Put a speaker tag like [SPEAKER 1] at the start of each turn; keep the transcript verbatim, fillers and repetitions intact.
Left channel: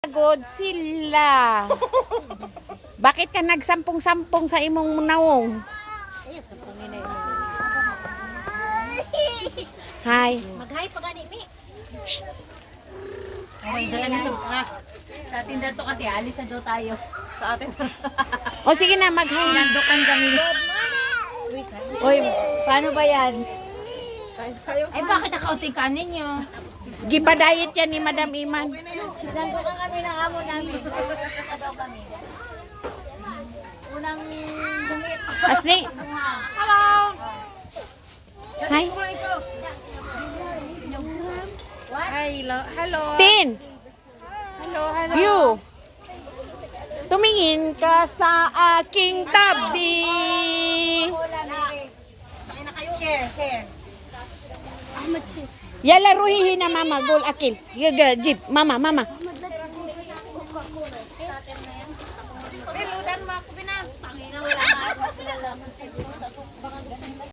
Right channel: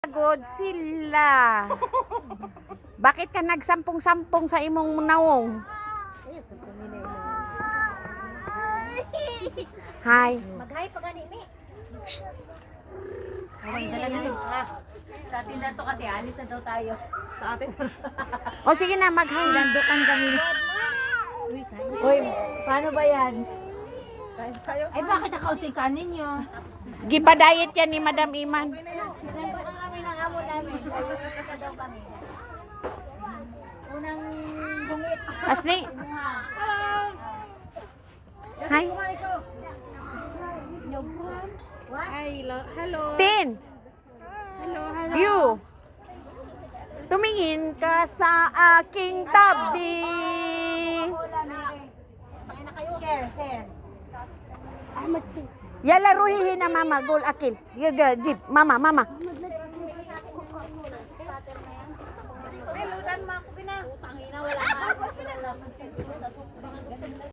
[SPEAKER 1] Pagod sila. Bakit ka nagsampung-sampung sa imong nawong? Hi.
[SPEAKER 2] Mag-hi pa gani mi.
[SPEAKER 1] Shh.
[SPEAKER 2] Okay, dala na sa ah. Sa atin dato kasi alis na daw tayo. Sa atin.
[SPEAKER 1] O sige na, mag-hi.
[SPEAKER 2] Nandukan kami. Uy, paano ba yan? Ay, bakit nakauting ka ninyo?
[SPEAKER 1] Gipa-diet yan ni Madam Iman.
[SPEAKER 2] Nandukan kami ng amo namin. Nandukan daw kami. Unang bungit.
[SPEAKER 1] Asli.
[SPEAKER 2] Hello!
[SPEAKER 1] Hi.
[SPEAKER 2] Hello, hello.
[SPEAKER 1] Tin.
[SPEAKER 2] Hello, hello.
[SPEAKER 1] You. Tumingin ka sa aking tabi.
[SPEAKER 2] Share, share.
[SPEAKER 1] Yala ruhihin na mama. Gol akil. Yaga, jeep. Mama, mama.
[SPEAKER 2] Piludan mo ako, Pina. Tangina, wala nga.